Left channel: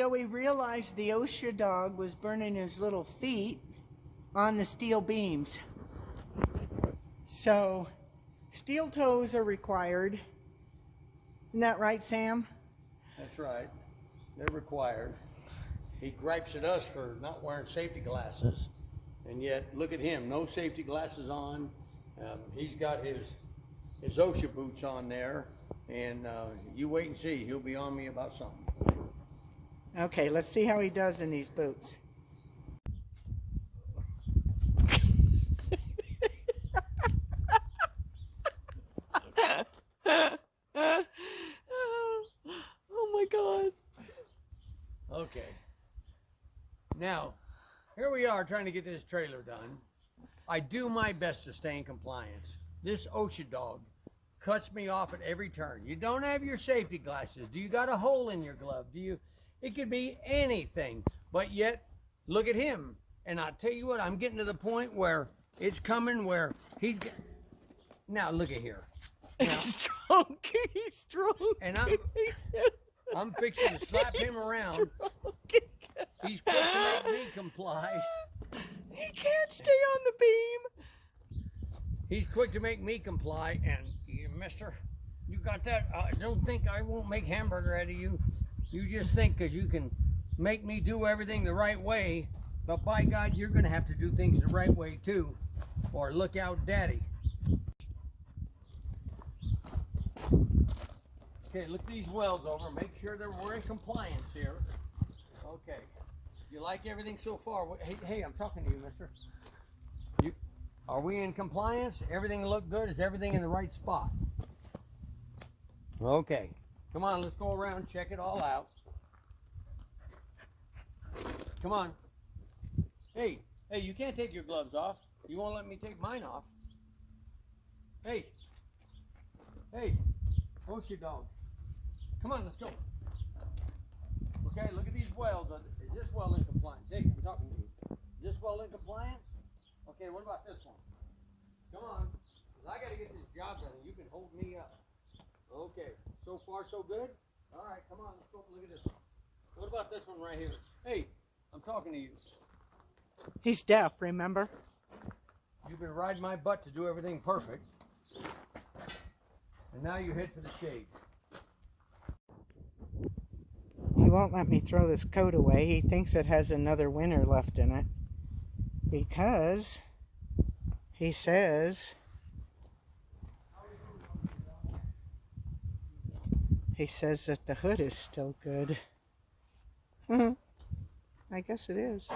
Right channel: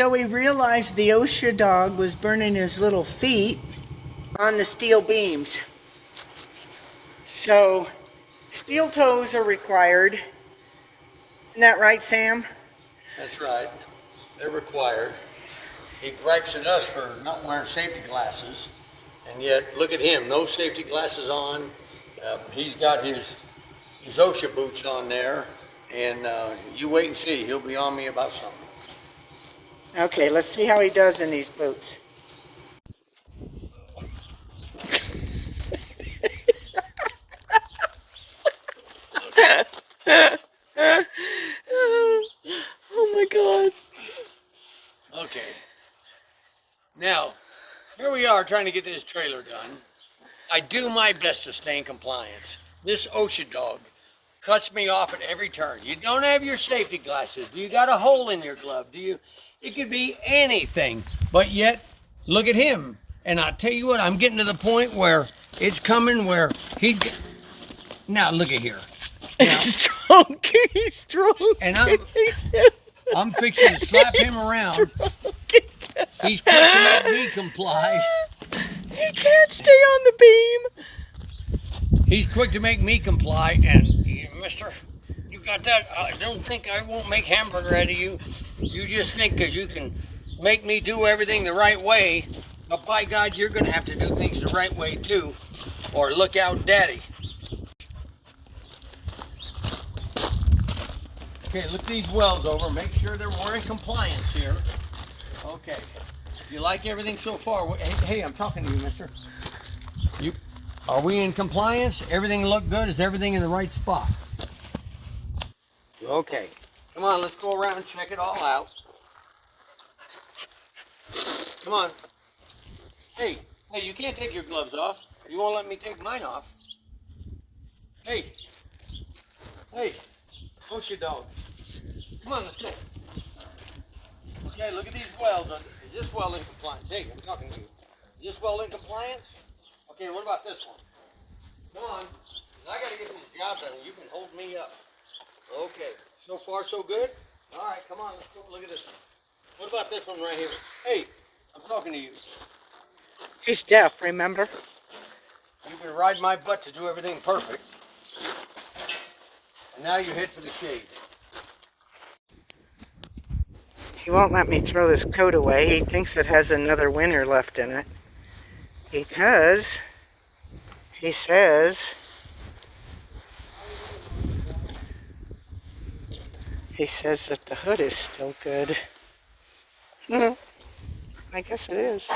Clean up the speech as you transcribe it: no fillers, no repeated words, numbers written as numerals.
So we realized the OSHA dog was burning his little feet on the steel beams. So steel toes are required. Isn't that right, Sam? That's right. They're required. He gripes at us for not wearing safety glasses, and yet look at him, no safety glasses on. He's got his OSHA boots on there, and you wait and see. He'll be on me about something. Okay, let's see how he does in these boots. Oh my God. Okay. Now, here we are trying to get this trailer done. I do my best to stay in compliance. This OSHA dog cuts me off at every turn. You don't have your safety glasses. Do you got a hole in your glove? It could be anything, but yet, look at him. And I tell you what, I'm getting to the point where it's coming where now look at here. Now, He's drunk. He's drunk. And I'm fixing to slap him around. He's quick to make me comply. He can't stay on the beam. He's quick to make me comply, and mister, you got that? I don't think I won't make hamburger out of you. You just think because you can make me do everything the right way, but by God, you're going to have to do things the right way too, or look out, daddy. Okay, look these welds over. Make sure we're in compliance here. Okay. You like everything so far? Hey, I'm talking to you, mister. Are we in compliance? Everything look good? Is everything in the right spot? Okay. Come on, let's go around and check it all out. Come on. Hey, you can't take your gloves off. You won't let me take mine off. Hey, OSHA dog. Come on, let's go. Okay, look at these welds. Is this well in compliance? Hey, I'm talking to you. Is this well in compliance? Okay, what about this one? Come on, 'cause I gotta get this job done and you can hold me up. Okay, so far so good? All right, come on, let's go look at this one. What about this one right here? Hey, I'm talking to you. He's deaf, remember? You've been riding my butt to do everything perfect. And now you head for the shade. He won't let me throw this coat away. He thinks it has another winter left in it. Because he says that the hood is still good. I guess it is.